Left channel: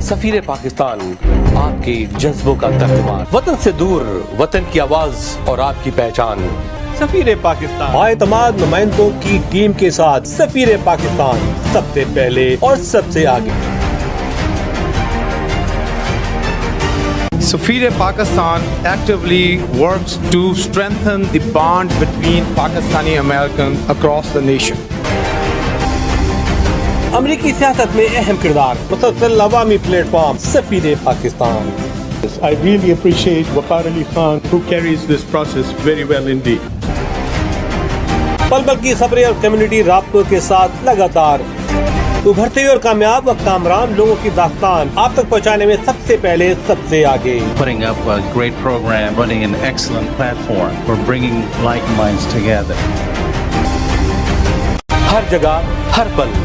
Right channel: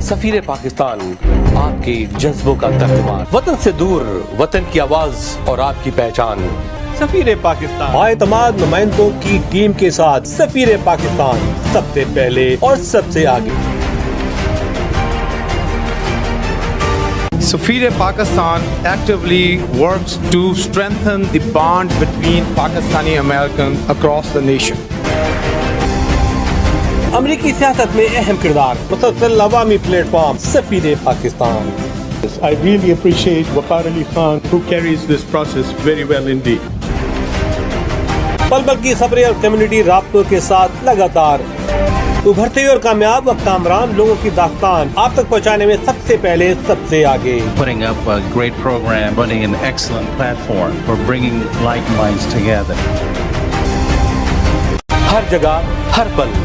سفیر پاکستان آپ کے جذبوں کا ترجمان، وطن سے دور وطن کی آواز اور آپ کی پہچان. سفیر پاکستان اعتماد نمائندوں کی ٹیم کے ساتھ سفیر پاکستان سب سے پہلے اور سب سے آگے. Safir Pakistan actively works to strengthen the bond between Pakistani Americans across the nation. امریکی سیاست میں اہم کردار، مسلسل عوامی پلیٹ فارم سفیر Pakistan. I really appreciate Waqar Ali Khan who carries this process very well indeed. پل پل کی خبریں اور کمیونٹی رابطوں کے ساتھ لگاتار ابھرتے اور کامیاب و کامران لوگوں کی داستان آپ تک پہنچانے میں سب سے پہلے سب سے آگے. Putting up a great program, running an excellent platform for bringing like minds together. ہر جگہ ہر پل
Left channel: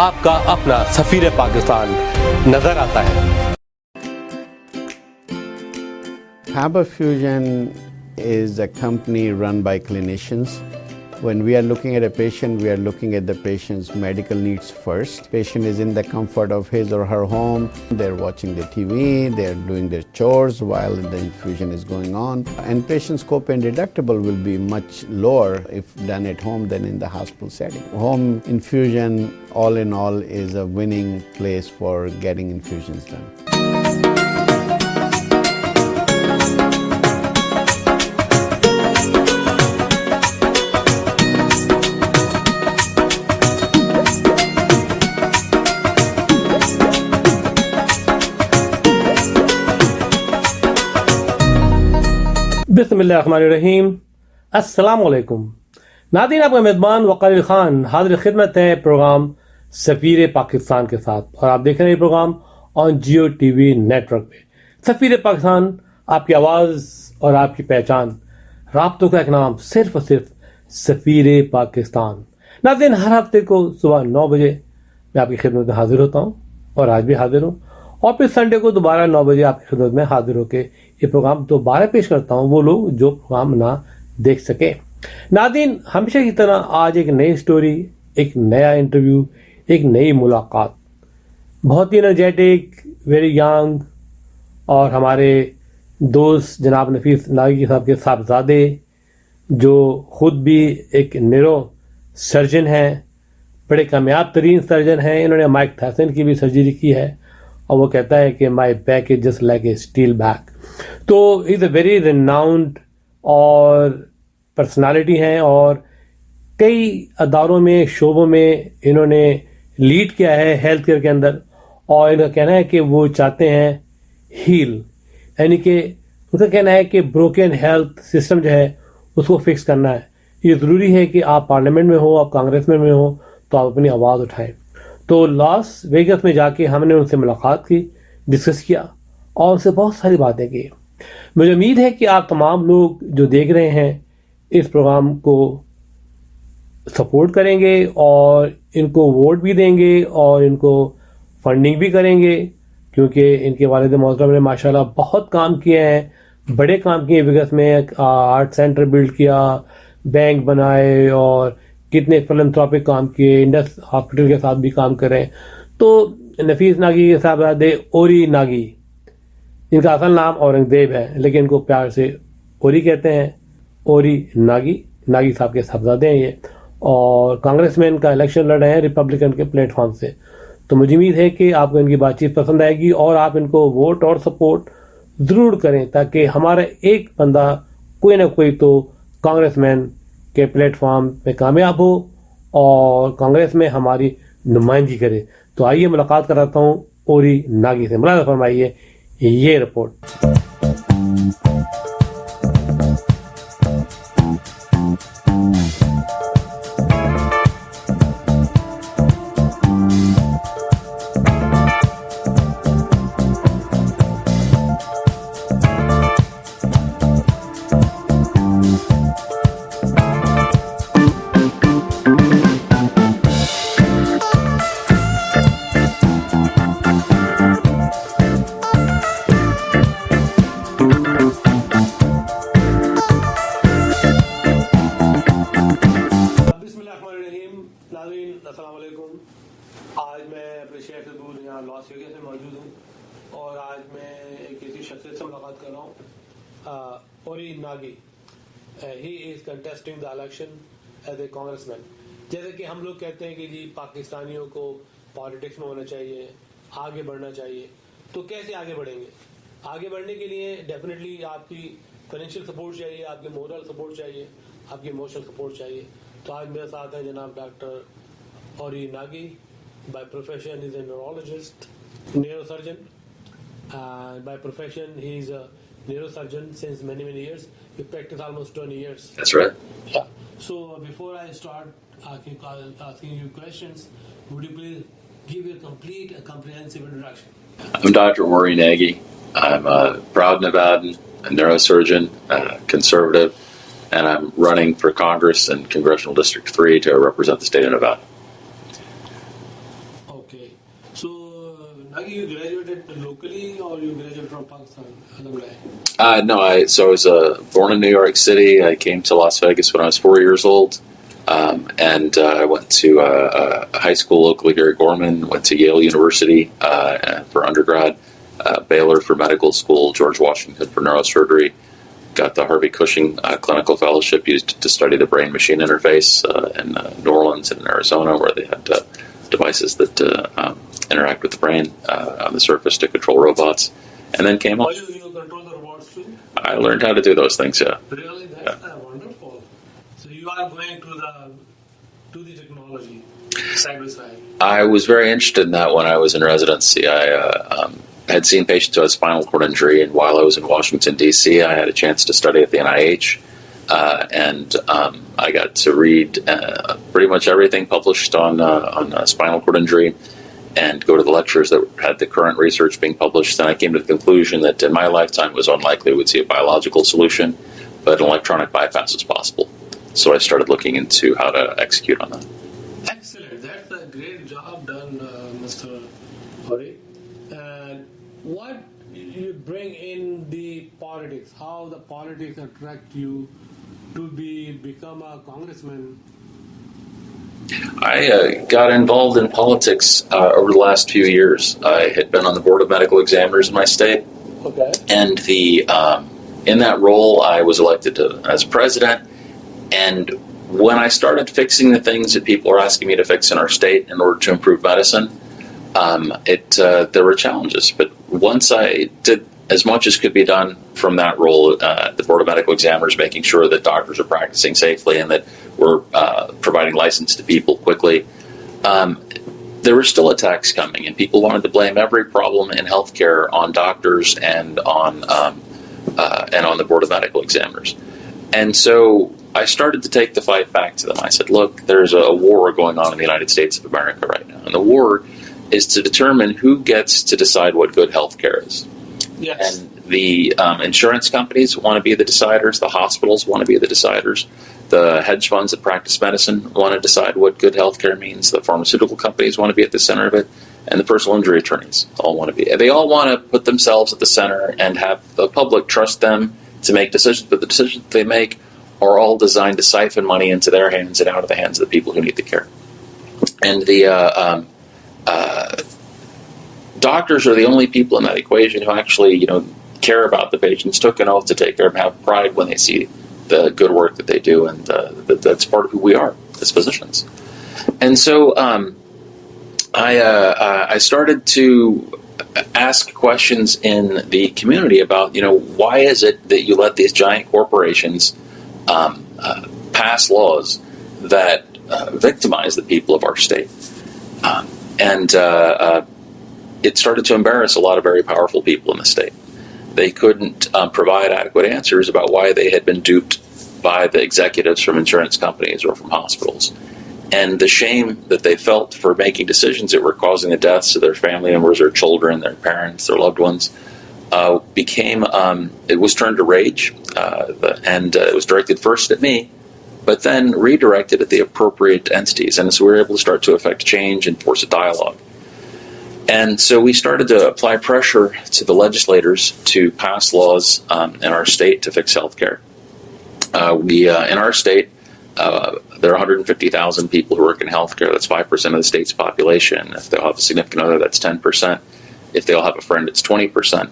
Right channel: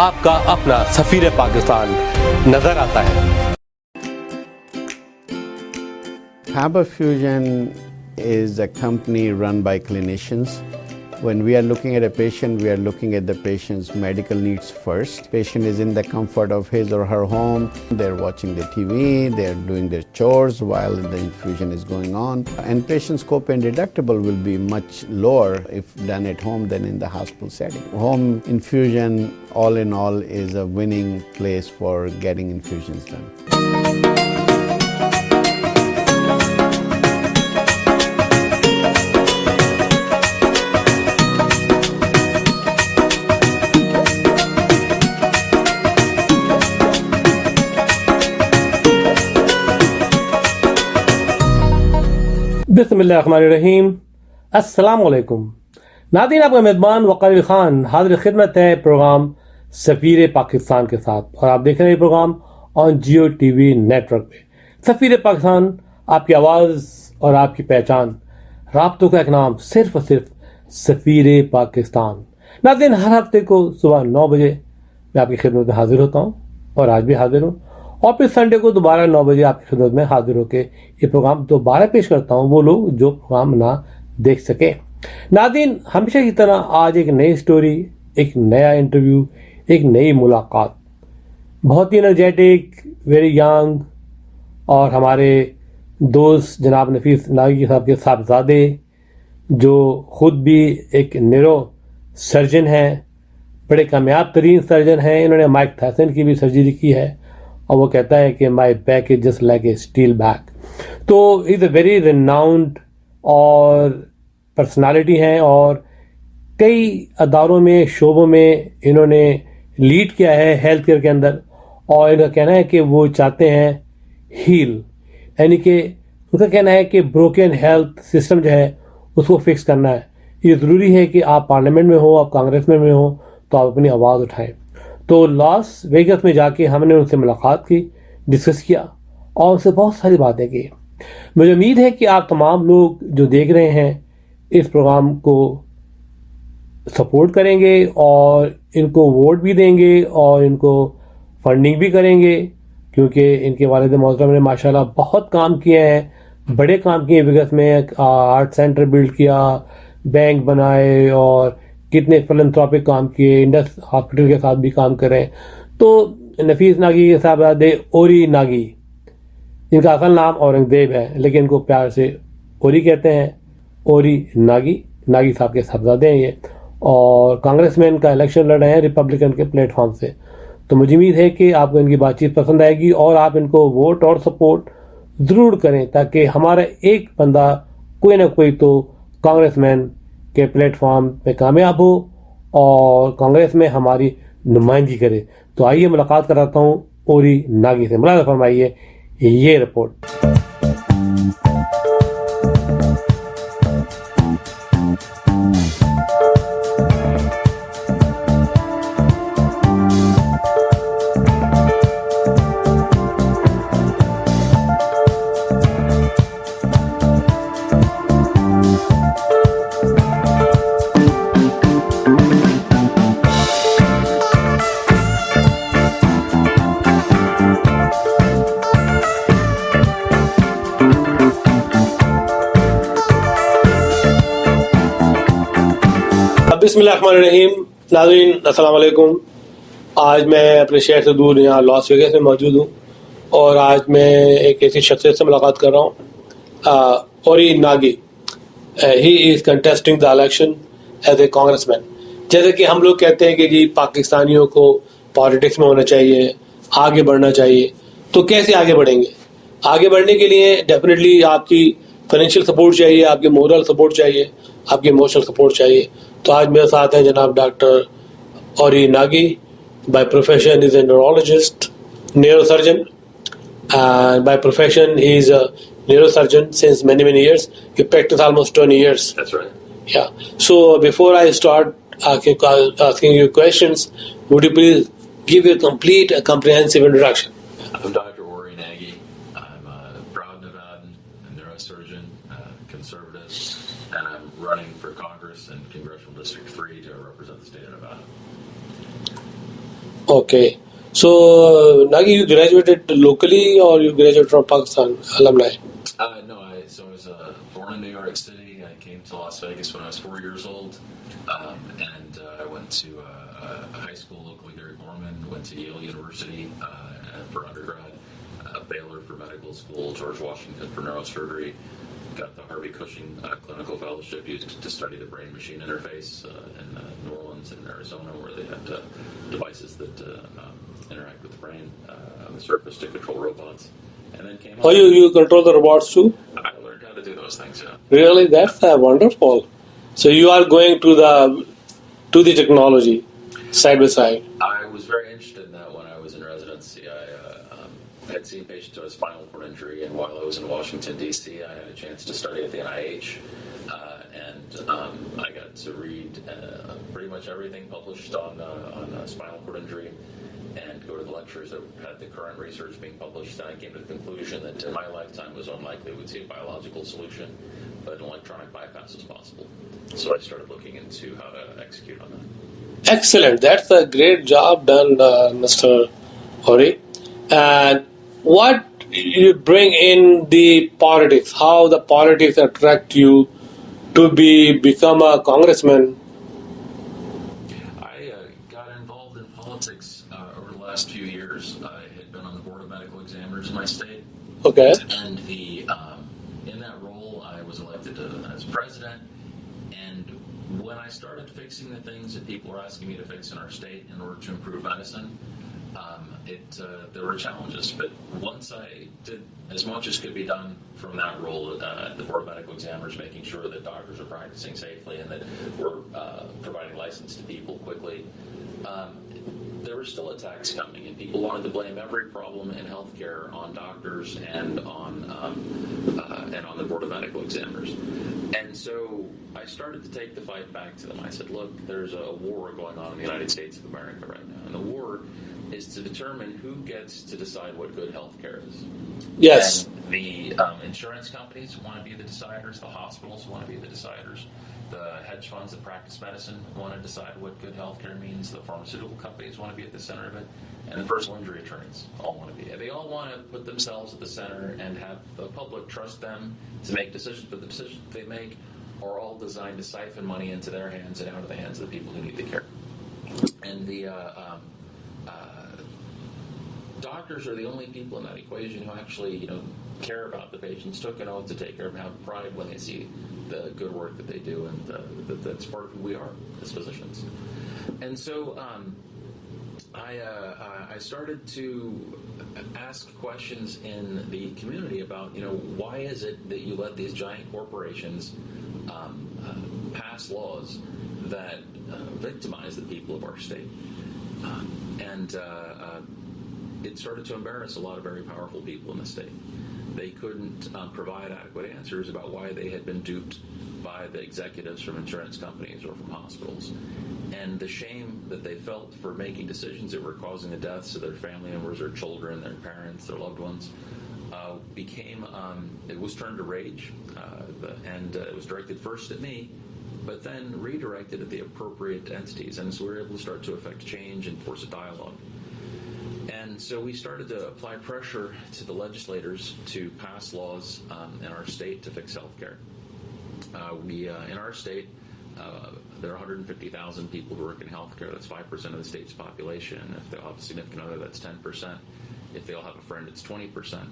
آپ کا اپنا سفیر پاکستان نظر آتا ہے. Harbor Fusion is a company run by clinicians. When we are looking at a patient, we are looking at the patient's medical needs first. Patient is in the comfort of his or her home. They're watching the TV, they're doing their chores while the infusion is going on. And patient's copay and deductible will be much lower if done at home than in the hospital setting. Home infusion, all in all, is a winning place for getting infusions done. بسم اللہ الرحمن الرحیم. السلام علیکم ناظرین، آپ کا میزبان وقار علی خان حاضر خدمت ہے پروگرام سفیر پاکستان کے ساتھ، اور آپ دیکھ رہے ہیں یہ programme on Geo T V network پہ. سفیر پاکستان آپ کی آواز اور آپ کی پہچان، رابطوں کا ایک نام، صرف اور صرف سفیر پاکستان. ناظرین، ہر ہفتے کو صبح 9 بجے میں آپ کی خدمت میں حاضر ہوتا ہوں، اور آج بھی حاضر ہوں. اور پھر سنڈے کو دوبارہ 9 بجے آپ کی خدمت میں حاضر ہو کے یہ پروگرام دوبارہ پیش کرتا ہوں وہ لوگ جو پروگرام نہ دیکھ سکیں. ناظرین، ہمیشہ کی طرح آج ایک نئی سٹوری، ایک نیا انٹرویو، ایک نئی ملاقات. بہت ہی انرجیٹک، ویری ینگ، اور ہمارے دوست جناب نفیس ناگی صاحب کے صاحبزادے، جو خود بھی ایک نیورو سرجن ہیں، بڑے کامیاب ترین سرجن ہیں. انہوں نے مائک تھائسن کی بھی سرجری کی ہے، اور وہ کہتا ہے کہ my back is just like a steel back. تو از اے ویری ریناؤنڈ اور پرسنالٹی ہیں، اور کئی اداروں میں، شعبوں میں انہوں نے لیڈ کیا ہے ہیلتھ کیئر کے اندر. اور ان کا کہنا ہے کہ وہ چاہتے ہیں ہیل، یعنی کہ ان کا کہنا ہے کہ بروکن ہیلتھ سسٹم جو ہے اس کو فکس کرنا ہے. یہ ضروری ہے کہ آپ پارلیمنٹ میں ہو، آپ کانگریس میں ہو، تو آپ اپنی آواز اٹھائیں. تو لاس ویگس میں جا کے ہم نے ان سے ملاقات کی، ڈسکس کیا، اور ان سے بہت ساری باتیں کی. مجھے امید ہے کہ آپ تمام لوگ جو دیکھ رہے ہیں اس پروگرام کو سپورٹ کریں گے، اور ان کو ووٹ بھی دیں گے، اور ان کو فنڈنگ بھی کریں گے، کیونکہ ان کے والد محترم نے ماشاءاللہ بہت کام کیے ہیں، بڑے کام کیے ویگس میں. آرٹ سینٹر بلڈ کیا، بینک بنائے، اور کتنے فلنتھراپک کام کیے، انڈس ہاسپٹل کے ساتھ بھی کام کر رہے ہیں. تو نفیس ناگی کے صاحبزادے اوری ناگی، ان کا اصل نام اورنگزیب ہے لیکن ان کو پیار سے اوری کہتے ہیں. اوری ناگی صاحب کے صاحبزادے ہیں یہ، اور کانگریس مین کا الیکشن لڑ رہے ہیں ریپبلکن کے پلیٹ فارم سے. تو مجھے امید ہے کہ آپ کو ان کی بات چیت پسند آئے گی، اور آپ ان کو ووٹ اور سپورٹ ضرور کریں، تاکہ ہمارا ایک بندہ کوئی نہ کوئی تو کانگریس مین کے پلیٹ فارم پہ کامیاب ہو اور کانگریس میں ہماری نمائندگی کرے. تو آئیے ملاقات کراتا ہوں اوری ناگی سے. ملاحظہ فرمائیے یہ رپورٹ. بسم اللہ الرحمن الرحیم. ناظرین السلام علیکم. आज मैं अपने शहर से दूर यहाँ लॉस वेगस में मौजूद हूँ और आज मैं एक ऐसी शख्सियत से मुलाकात कर रहा हूँ, औरी नागी। He is contesting the election as a congressman. जैसे कि हम लोग कहते हैं कि जी पाकिस्तानियों को पॉलिटिक्स में होना चाहिए, आगे बढ़ना चाहिए, तो कैसे आगे बढ़ेंगे? आगे बढ़ने के लिए डेफिनेटली आपकी फाइनेंशियल सपोर्ट चाहिए, आपकी मोरल सपोर्ट चाहिए, आपकी इमोशनल सपोर्ट चाहिए। तो आज मेरे साथ हैं जनाब डॉक्टर औरी Nagi. By profession is a neurologist, neurosurgeon, and by profession he is a neurosurgeon since many years. He practiced almost 20 years. That's right. Yeah. So before I start asking you questions, would you please give a complete, comprehensive introduction? I'm Dr. Aury Nagy. I'm a proud Nevadan, a neurosurgeon, conservative, and I'm running for Congress in Congressional District 3 to represent the state of Nevada. Okay. So, Nagi, you graduated locally or you graduated from Pakistan alumni? No, I was born in New York City. I came to Las Vegas when I was 4 years old, and I went to high school locally here at Gorman, went to Yale University for undergrad, Baylor for medical school, George Washington for neurosurgery, got the Harvey Cushing Clinical Fellowship used to study the brain-machine interface in New Orleans and Arizona, where they had devices that interact with the brain on the surface to control robots, and then came Oh, you control the robots too? I learned how to do those things, yeah. Really? That's wonderful. So you are going to the technology side by side. I was very interested in that when I was in residency. I had seen patients who had spinal cord injury, and while I was in Washington, D.C., I had a chance to study at the NIH, and I got to read pretty much everything published on spinal cord injury and go to the lectures that had the current research being published. Then I came to the conclusion that in my lifetime it was unlikely we would see a biological solution, but an electronic bypass is possible. So I started looking into how to execute on that. Excellent. That's a great job done, Mr. Aury. And what you bring in the politics, how the politics attract you to become a congressman? I got involved in politics over the last few years. I had been on the board of medical examiners in my state. Okay. And in that role, I was elected as president. And when I started fixing the things that people are asking me to fix in our state in order to improve medicine, there were challenges. But once I did as much as could be done from that role at the Board of Medical Examiners, making sure that doctors are practicing safely and that we're providing license to people quickly, there were still attacks coming, and people wanted to blame every problem in healthcare on doctors and on the Board of Medical Examiners. And so I started to take the fight back to them. I said, look, there's a war going on in the United States of America right now, and the war is to determine who gets to decide what good healthcare is. Yes. And the insurance companies want to be the deciders. The hospitals want to be the deciders. The hedge funds that practice medicine want to decide what good healthcare means. The pharmaceutical companies want to be at the center of it. And the personal injury attorneys all want to be. They all want to put themselves at the center and have the public trust them to make decisions. But the decisions they make are all designed to siphon money into their hands and out of the hands of the people who need the care. And the doctors are the only people in that equation who actually, care about the patients, took an oath to take care of them, have pride when they see the good work that they do, and that's part of who we are as physicians. And so I started to ask questions in the community about, why is it that you let these giant corporations pass laws that victimize the people of our state? It started to embarrass a lot of very powerful people in the state. They couldn't provide adequate answers about why they had been duped by the executives from insurance companies or from hospitals. And the shame that they felt for making decisions that were causing the deaths of their family members, their children, their parents, their loved ones, it was turned to rage, and it was directed first at me, but then redirected at the appropriate entities. And so we were able to start to affect change and force a dialogue. And so we started to apply pressure to the legislators to pass laws in our state to fix healthcare. In our state, there are 150,000 people who work in healthcare. That's 5% of the state's population. If they'll have a significant other, that's 10%. If they'll have a friend, it's 20%.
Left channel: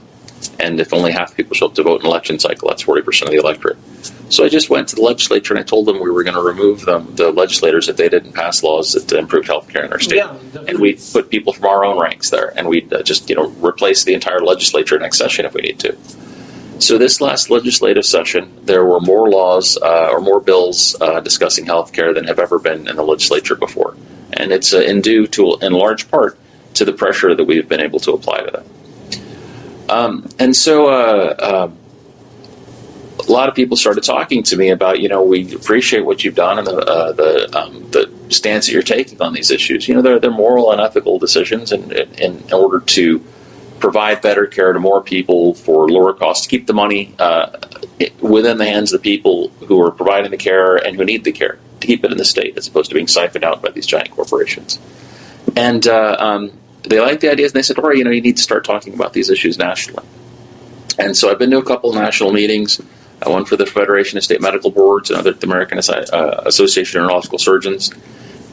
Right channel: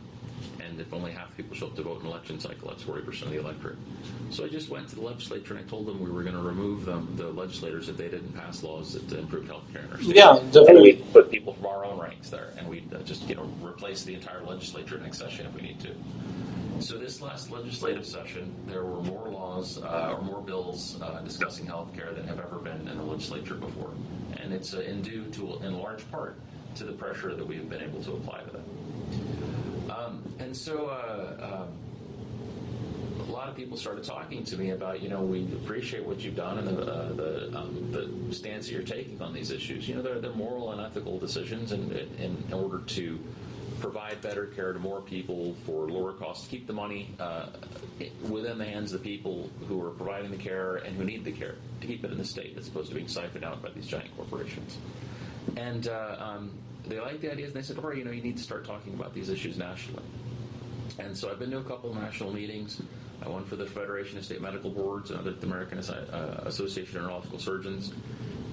And if only half people show up to vote in an election cycle, that's 40% of the electorate. So I just went to the legislature and I told them we were going to remove the legislators if they didn't pass laws that improved healthcare in our state. Yeah, definitely. And we'd put people from our own ranks there, and we'd just replace the entire legislature next session if we need to. So this last legislative session, there were more laws or more bills discussing healthcare than have ever been in the legislature before, and it's due to, in large part, to the pressure that we've been able to apply to them. And so a lot of people started talking to me about, we appreciate what you've done and the stance that you're taking on these issues. They're moral and ethical decisions in order to provide better care to more people for lower costs, to keep the money within the hands of the people who are providing the care and who need the care, to keep it in the state as opposed to being siphoned out by these giant corporations. And they liked the ideas, and they said, Aury, you need to start talking about these issues nationally. And so I've been to a couple of national meetings, one for the Federation of State Medical Boards, another at the American Association of Neurological Surgeons.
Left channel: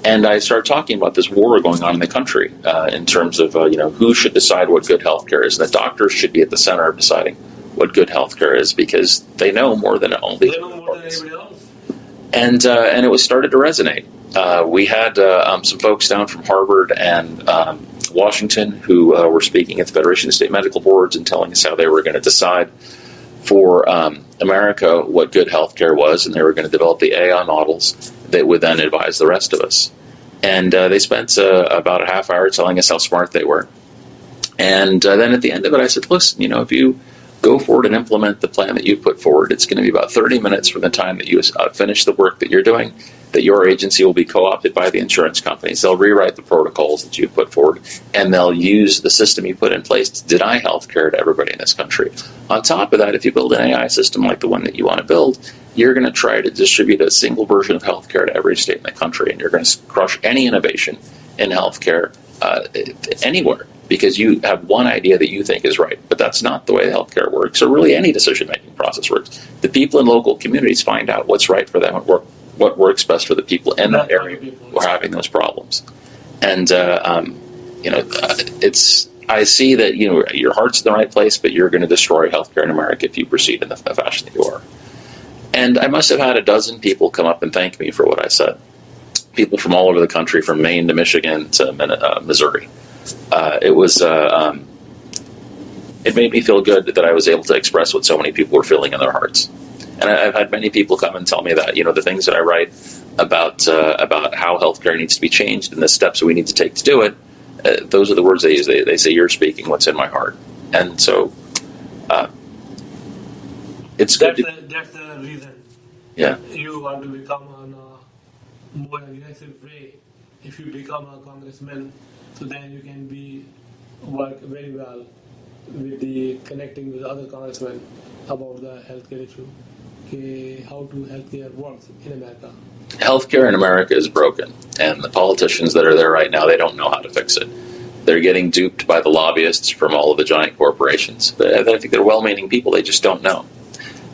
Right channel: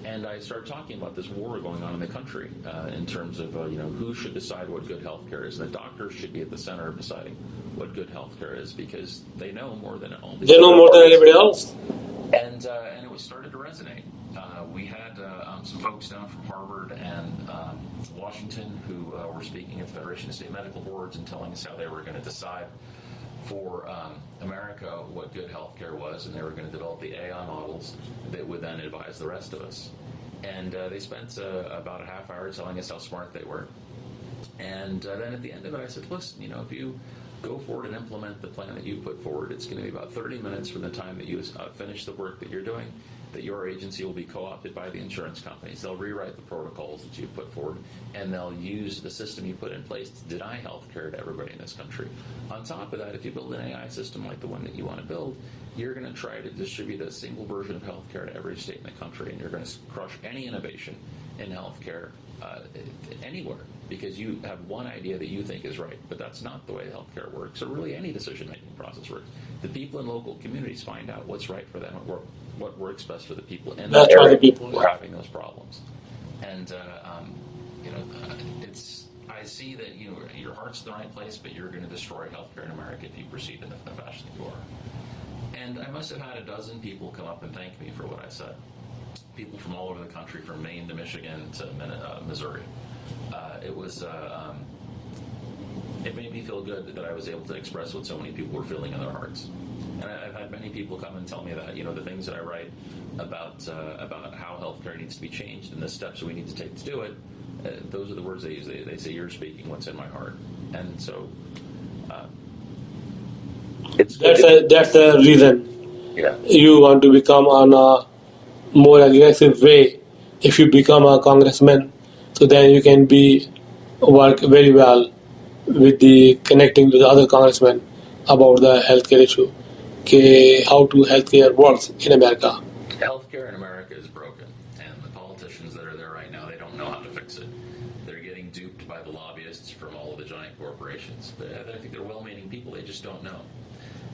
And I started talking about this war going on in the country in terms of, who should decide what good healthcare is. And the doctors should be at the center of deciding what good healthcare is, because they know more than only they know more than anybody else. And it was started to resonate. We had some folks down from Harvard and Washington who were speaking at the Federation of State Medical Boards and telling us how they were going to decide for America what good healthcare was, and they were going to develop the AI models that would then advise the rest of us. And they spent about a half hour telling us how smart they were. And then at the end of it, I said, listen, if you go forward and implement the plan that you put forward, it's going to be about 30 minutes from the time that you finish the work that you're doing, that your agency will be co-opted by the insurance companies. They'll rewrite the protocols that you put forward, and they'll use the system you put in place to deny health care to everybody in this country. On top of that, if you build an AI system like the one that you want to build, you're going to try to distribute a single version of health care to every state in the country, and you're going to crush any innovation in health care anywhere, because you have one idea that you think is right, but that's not the way healthcare works, or really any decision-making process works. The people in local communities find out what's right for them, what works best for the people in that area who are having those problems. And I see that your heart's in the right place, but you're going to destroy healthcare in America if you proceed in the fashion that you are. And I must have had a dozen people come up and thank me for what I said. People from all over the country, from Maine to Michigan to Missouri. It made me feel good that I was able to express what so many people were feeling in their hearts. And I've had many people come and tell me that, the things that I write about how healthcare needs to be changed and the steps that we need to take to do it, those are the words they use. They say, you're speaking what's in my heart. And so it's good. That's the reason. Yeah. You want to become on a more aggressive way. If you become a congressman, so then you can work very well with the connecting with the other congressmen about the healthcare issue. How healthcare works in America. Healthcare in America is broken, and the politicians that are there right now, they don't know how to fix it. They're getting duped by the lobbyists from all of the giant corporations. I think they're well-meaning people, they just don't know.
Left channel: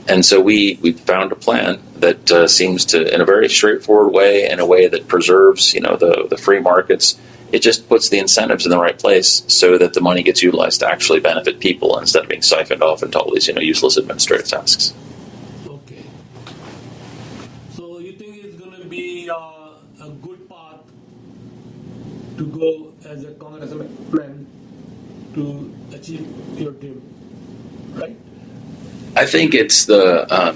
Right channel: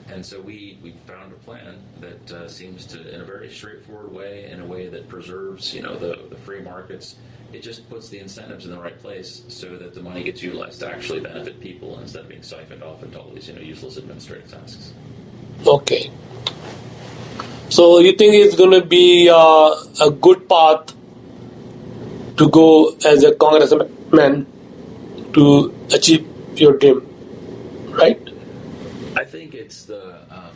And so we found a plan that seems to, in a very straightforward way, in a way that preserves, the free markets. It just puts the incentives in the right place so that the money gets utilized to actually benefit people instead of being siphoned off into all these, useless administrative tasks. Okay. So you think it's going to be a good path to go as a congressman to achieve your dream, right? I think it's the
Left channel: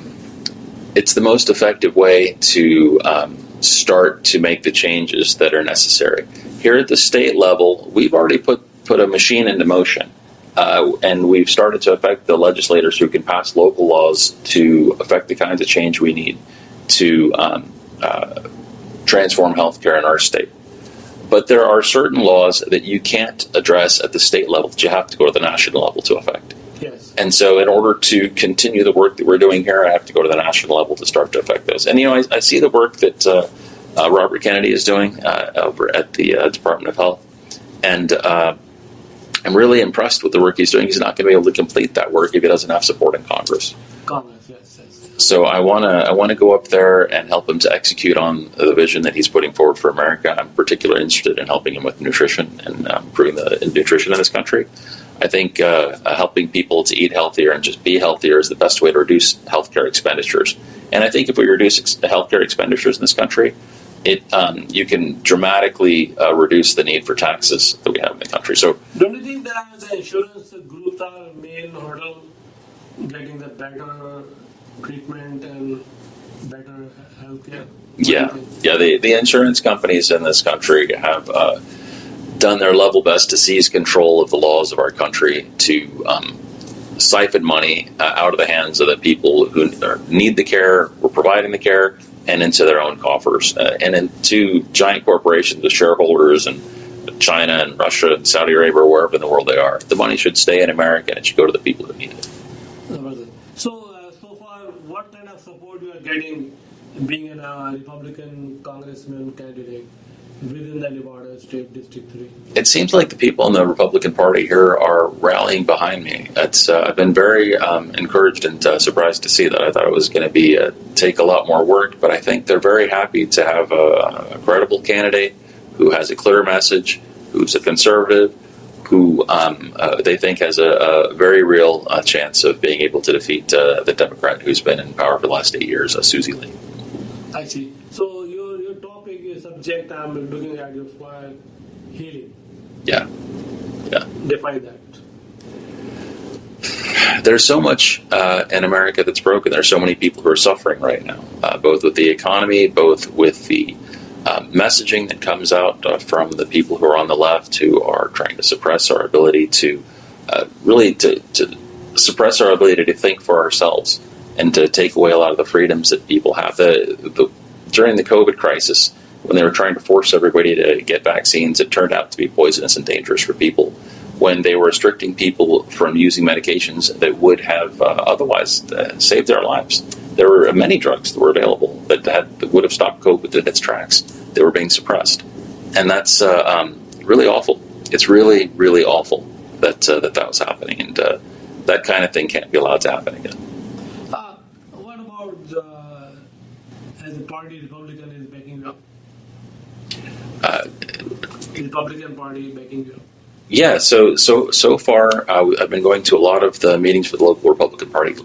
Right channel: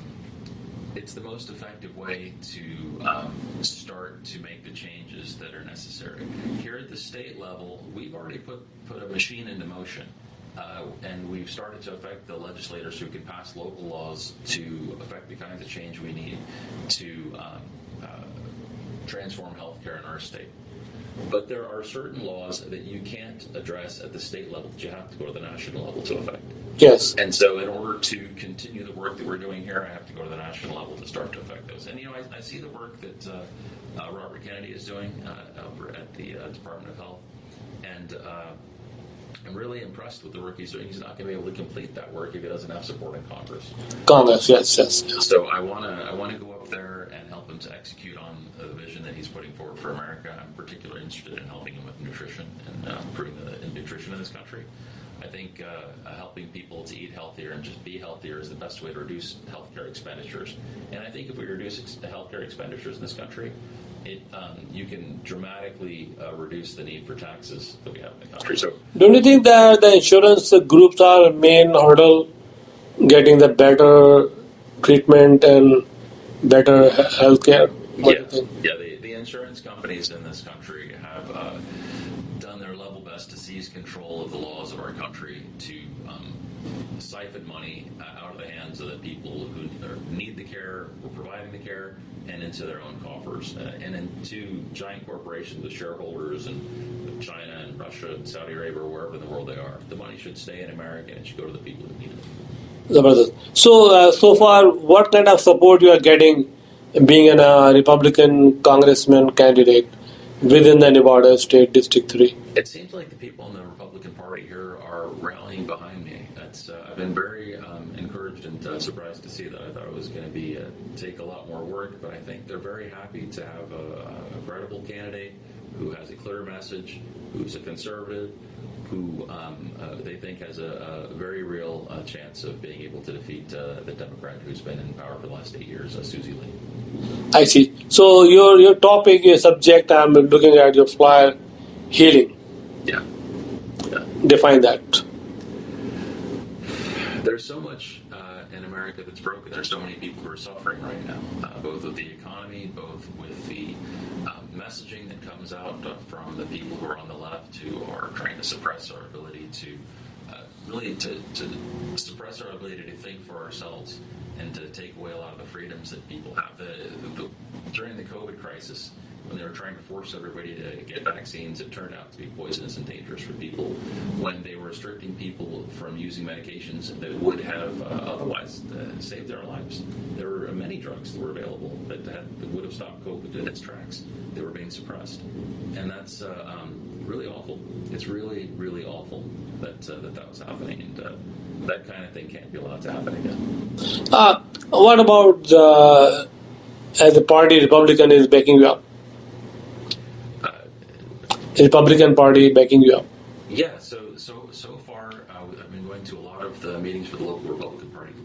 most effective way to start to make the changes that are necessary. Here at the state level, we've already put a machine into motion, and we've started to affect the legislators who can pass local laws to affect the kinds of change we need to transform healthcare in our state. But there are certain laws that you can't address at the state level, that you have to go to the national level to affect. Yes. And so in order to continue the work that we're doing here, I have to go to the national level to start to affect those. And, I see the work that Robert Kennedy is doing over at the Department of Health. And I'm really impressed with the work he's doing. He's not going to be able to complete that work if he doesn't have support in Congress. Congress, yes. So I want to go up there and help him to execute on the vision that he's putting forward for America. I'm particularly interested in helping him with nutrition and improving the nutrition in this country. I think helping people to eat healthier and just be healthier is the best way to reduce healthcare expenditures. And I think if we reduce healthcare expenditures in this country, you can dramatically reduce the need for taxes that we have in the country. So, don't you think that the insurance groups are main hurdle getting the better treatment and better healthcare? Yeah. The insurance companies in this country have done their level best to seize control of the laws of our country, to siphon money out of the hands of the people who need the care, who are providing the care, and into their own coffers, and into giant corporations with shareholders in China and Russia and Saudi Arabia or wherever in the world they are. The money should stay in America and it should go to the people who need it. So far, what kind of support you are getting being a Republican congressman candidate within the Nevada State District 3? It seems like the people in the Republican Party here are rallying behind me. I've been very encouraged and surprised to see that. I thought it was going to take a lot more work, but I think they're very happy to have a credible candidate who has a clear message, who's a conservative, who they think has a very real chance of being able to defeat the Democrat who's been in power for the last 8 years, Susie Lee. I see. So your topic, your subject, I'm looking at your flyer, healing. Yeah. Define that. There's so much in America that's broken. There's so many people who are suffering right now, both with the economy, both with the messaging that comes out from the people who are on the left, who are trying to suppress our ability to suppress our ability to think for ourselves and to take away a lot of the freedoms that people have. During the COVID crisis, when they were trying to force everybody to get vaccines, it turned out to be poisonous and dangerous for people. When they were restricting people from using medications that would have otherwise saved their lives, there were many drugs that were available that would have stopped COVID in its tracks. They were being suppressed. And that's really awful. It's really, really awful that was happening. And that kind of thing can't be allowed to happen again. What about the party Republican is backing you up? Republican Party backing you up? Yeah, so far I've been going to a lot of the meetings for the local Republican Party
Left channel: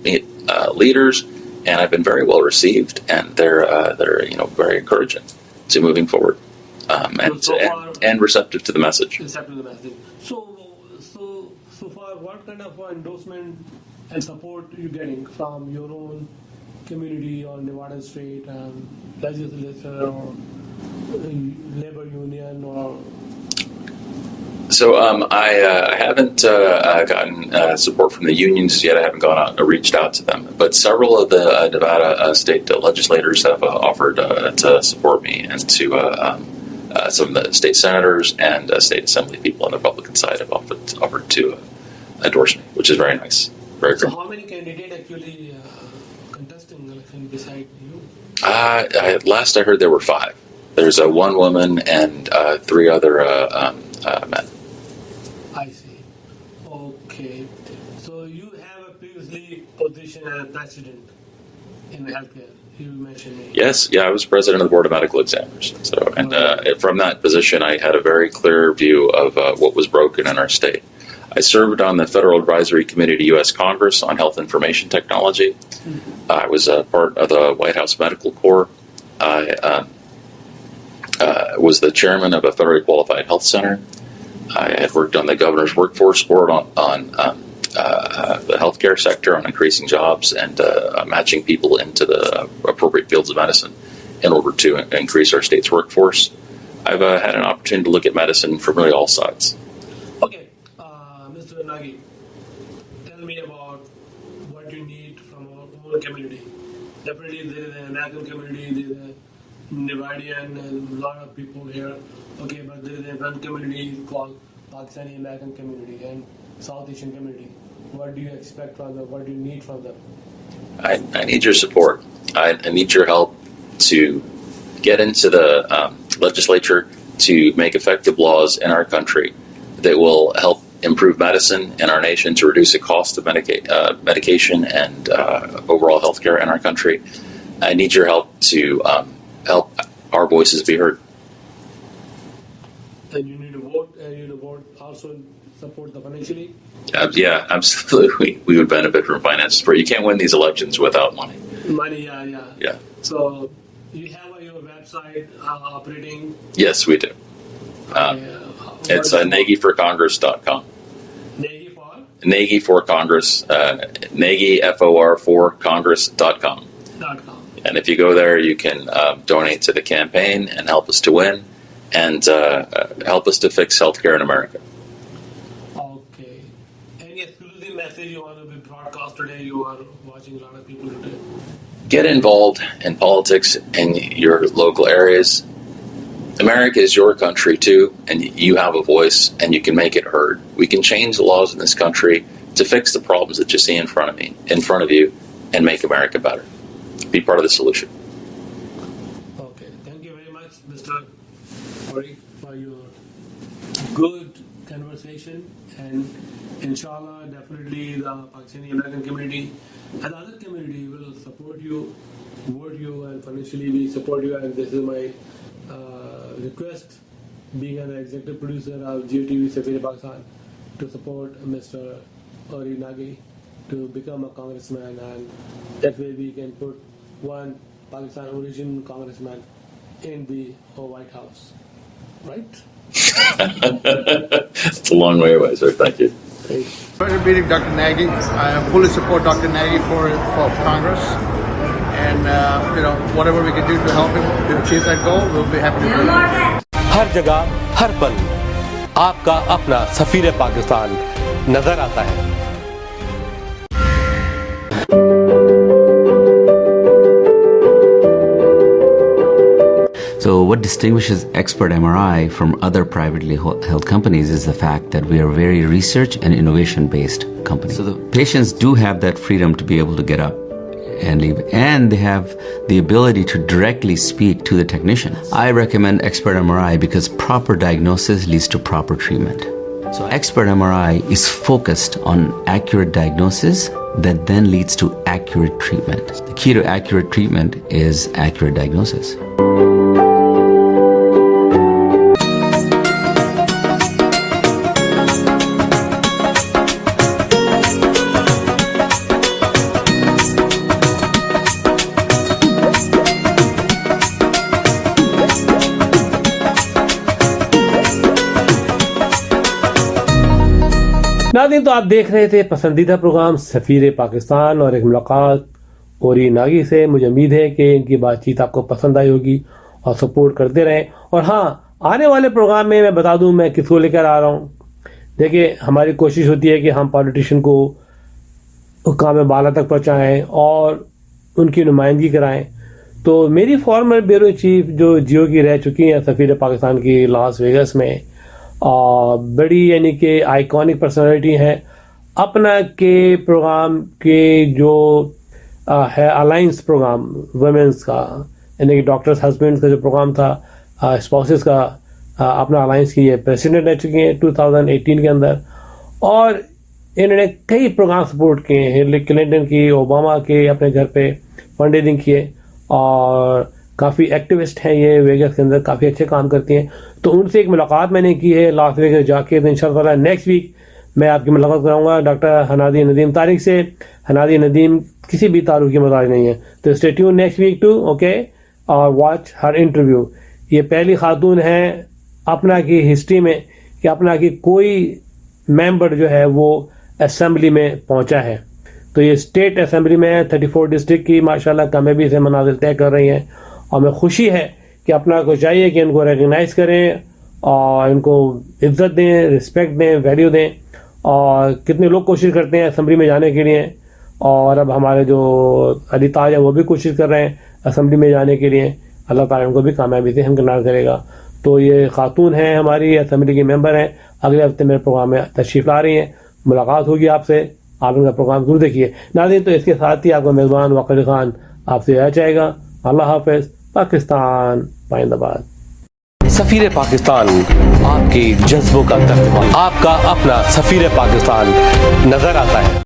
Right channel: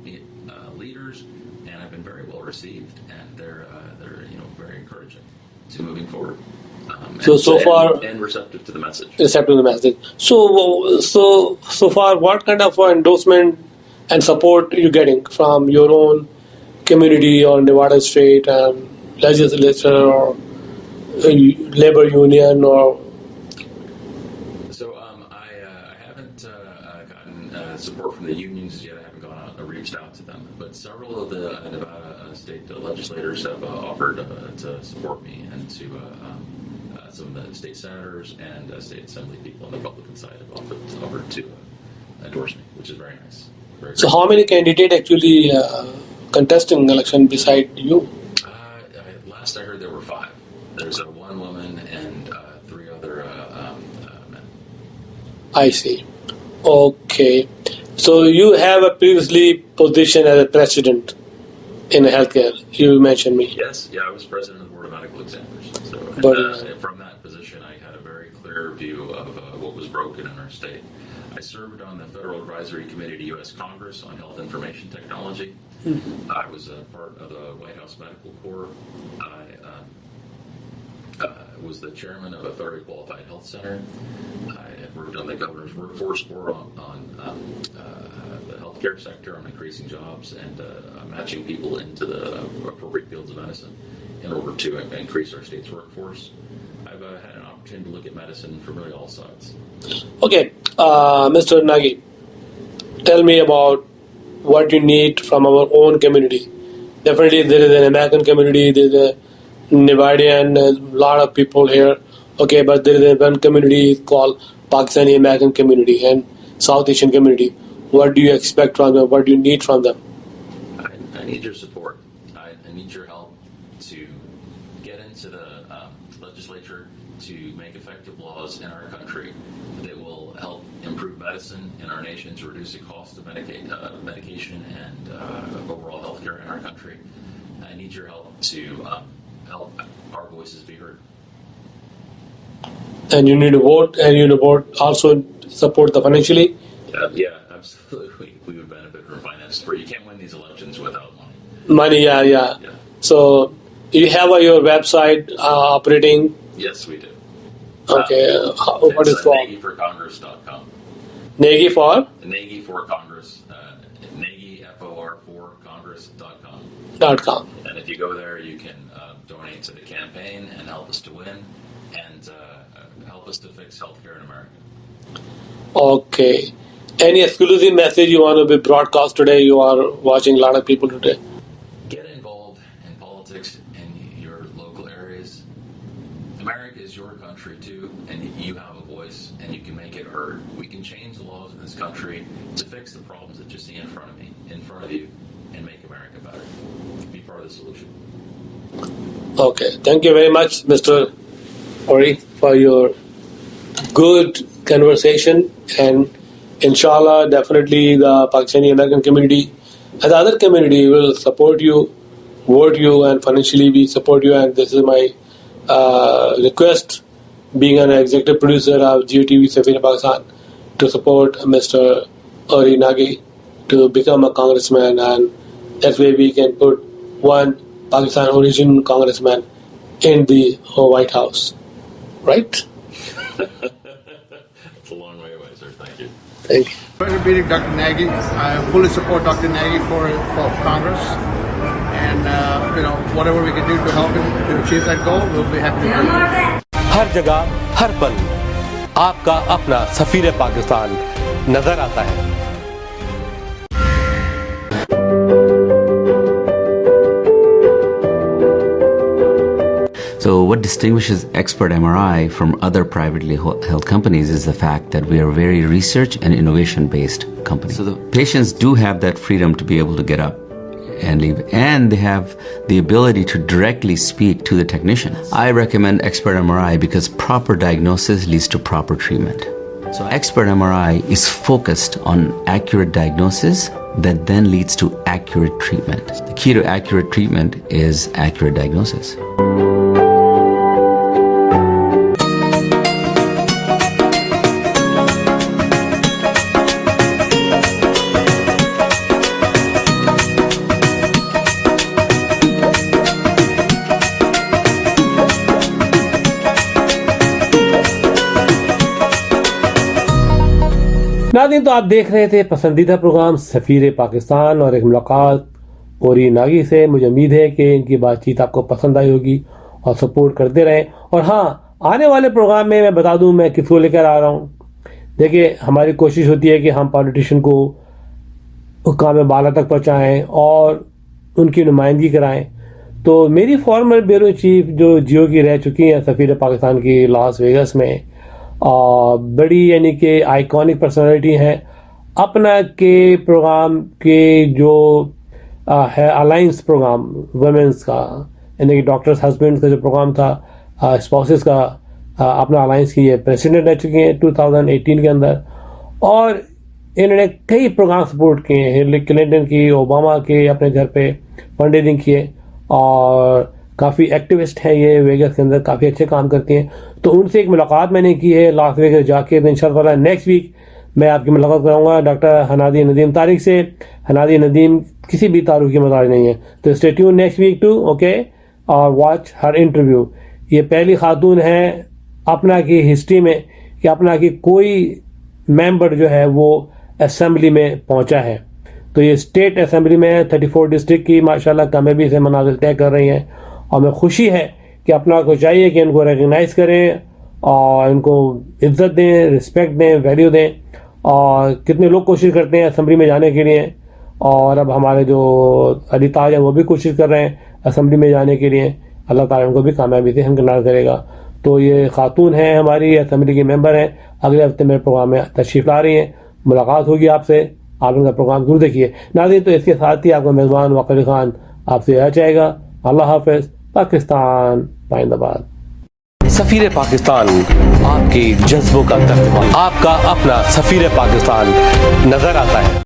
leaders, and I've been very well received, and they're very encouraging to moving forward, and receptive to the message. Receptive to the message. So far, what kind of endorsement and support are you getting from your own community or Nevada State legislature or labor union or? So I haven't gotten support from the unions yet. I haven't gone out and reached out to them. But several of the Nevada state legislators have offered to support me, and to some of the state senators and state assembly people on the Republican side have offered to endorse me, which is very nice. Very so how many candidates actually contesting the election beside you? Last I heard there were 5. There's one woman and 3 other men. I see. Okay. So you have a previously position as a president in healthcare. You mentioned me. Yes. Yeah, I was president of the Board of Medical Examiners. So, and from that position, I had a very clear view of what was broken in our state. I served on the Federal Advisory Committee to U.S. Congress on Health Information Technology. Mm-hmm. I was part of the White House Medical Corps. I was the chairman of a federally qualified health center. I had worked on the governor's workforce board on the healthcare sector, on increasing jobs and matching people into the appropriate fields of medicine in order to increase our state's workforce. I've had an opportunity to look at medicine from really all sides. Okay, Mr. Nagy, tell me about what you need from our own community. Definitely there is an American community, there is a Nevadian, a lot of people here. Okay, but there is one community called Pakistani American community and South Asian community. What do you expect from them? What do you need from them? I need your support. I need your help to get into the legislature to make effective laws in our country that will help improve medicine in our nation, to reduce the cost of medication and overall healthcare in our country. I need your help to help our voices be heard. And you need to vote, and you need to vote also support the financially. Yeah, absolutely. We would benefit from finance support. You can't win these elections without money. Money, yeah. So you have your website operating? Yes, we do. Okay. It's nagyforcongress.com. Nagy for? Nagy for Congress. Nagy, FOR, for Congress.com. .com. And if you go there, you can donate to the campaign and help us to win and help us to fix healthcare in America. Okay. Any exclusive message you want to be broadcast today? You are watching a lot of people today. Get involved in politics in your local areas. America is your country too, and you have a voice, and you can make it heard. We can change the laws in this country to fix the problems that you see in front of you, and make America better. Be part of the solution. Okay. Thank you very much, Mr. Aury, for your good conversation, and inshallah, definitely the Pakistani American community and the other community will support you, vote you, and financially we support you. And this is my request, being an executive producer of GeoTV Safir Pakistan, to support Mr. Aury Nagy to become a congressman, and that way we can put one Pakistan origin congressman in the White House. Right? It's a long way away, sir. Thank you. Thank you. Pleasure meeting Dr. Nagy. I fully support Dr. Nagy for Congress, and whatever we can do to help him to achieve that goal, we'll be happy to do it. हर जगह हर पल आपका अपना सफीर पाकिस्तान नजर आता है। So what distinguishes Expert MRI from other privately held companies is the fact that we are a very research and innovation based company. So the patients do have that freedom to be able to get up and leave, and they have the ability to directly speak to the technician. I recommend Expert MRI because proper diagnosis leads to proper treatment. So Expert MRI is focused on accurate diagnosis that then leads to accurate treatment. The key to accurate treatment is accurate diagnosis. नाज़रीन, तो आप देख रहे थे पसंदीदा programme सफ़ीर पाकिस्तान और एक मुलाकात औरी नागी से। मुझे उम्मीद है कि इनकी बातचीत आपको पसंद आई होगी और सपोर्ट करते रहें। और हाँ, आने वाले प्रोग्राम में मैं बता दूं मैं किसको लेकर आ रहा हूं। देखिए, हमारी कोशिश होती है कि हम पॉलिटिशियन को हुक्काम बाला तक पहुंचाएं और उनकी नुमाइंदगी कराएं। तो मेरी फॉर्मर ब्यूरो चीफ जो जियो की रह चुकी हैं सफ़ीर पाकिस्तान की लास वेगस में, बड़ी यानी कि आइकॉनिक पर्सनालिटी हैं। अपना के प्रोग्राम के जो है अलाइंस प्रोग्राम वुमेंस का, यानी कि डॉक्टर्स हस्बैंड्स का जो प्रोग्राम था, स्पाउसेस का, अपना अलाइंस की ये प्रेसिडेंट रह चुकी हैं 2018 के अंदर। और इन्होंने कई प्रोग्राम सपोर्ट किए हैं, हिलरी क्लिंटन की, ओबामा के, अपने घर पे फंड रेजिंग किए, और काफ़ी एक्टिविस्ट हैं ये वेगस के अंदर, काफ़ी अच्छे काम करती हैं। तो उनसे एक मुलाकात मैंने की है लास वेगस जाके। इंशाअल्लाह नेक्स्ट वीक मैं आपकी मुलाकात कराऊंगा डॉक्टर हनादी नदीम तारिक से। हनादी नदीम किसी भी तारुफ की मजाज नहीं है, तो stay tune next week to okay और वॉच हर इंटरव्यू। ये पहली खातून है अपना की हिस्ट्री में कि अपना की कोई मेंबर जो है वो असेंबली में पहुंचा है। तो ये स्टेट असेंबली में 34 डिस्ट्रिक्ट की माशाल्लाह कामयाबी से मनाजिल तय कर रही हैं। और मैं खुशी है कि अपना को चाहिए कि इनको रिकग्नाइज़ करें और इनको इज्जत दें, रिस्पेक्ट दें, वैल्यू दें। और कितने लोग कोशिश करते हैं असेंबली में जाने के लिए, और अब हमारे जो अली ताज है वो भी कोशिश कर रहे हैं असेंबली में जाने के लिए। अल्लाह ताला उनको भी कामयाबी से हमकिनार करेगा। तो ये खातून हैं हमारी, असेंबली की मेंबर हैं, अगले हफ्ते मेरे प्रोग्राम में तशरीफ़ ला रही हैं। मुलाकात होगी आपसे, आप इनका प्रोग्राम जरूर देखिए। नाज़रीन, तो इसके साथ ही आपका मेज़बान वक़ील खान आपसे यह चाहेगा, अल्लाह हाफ़िज़, पाकिस्तान जिंदाबाद। सफीर पाकिस्तान आपके जज्बों का तर्जुमान, आपका अपना सफीर पाकिस्तान नजर आता है।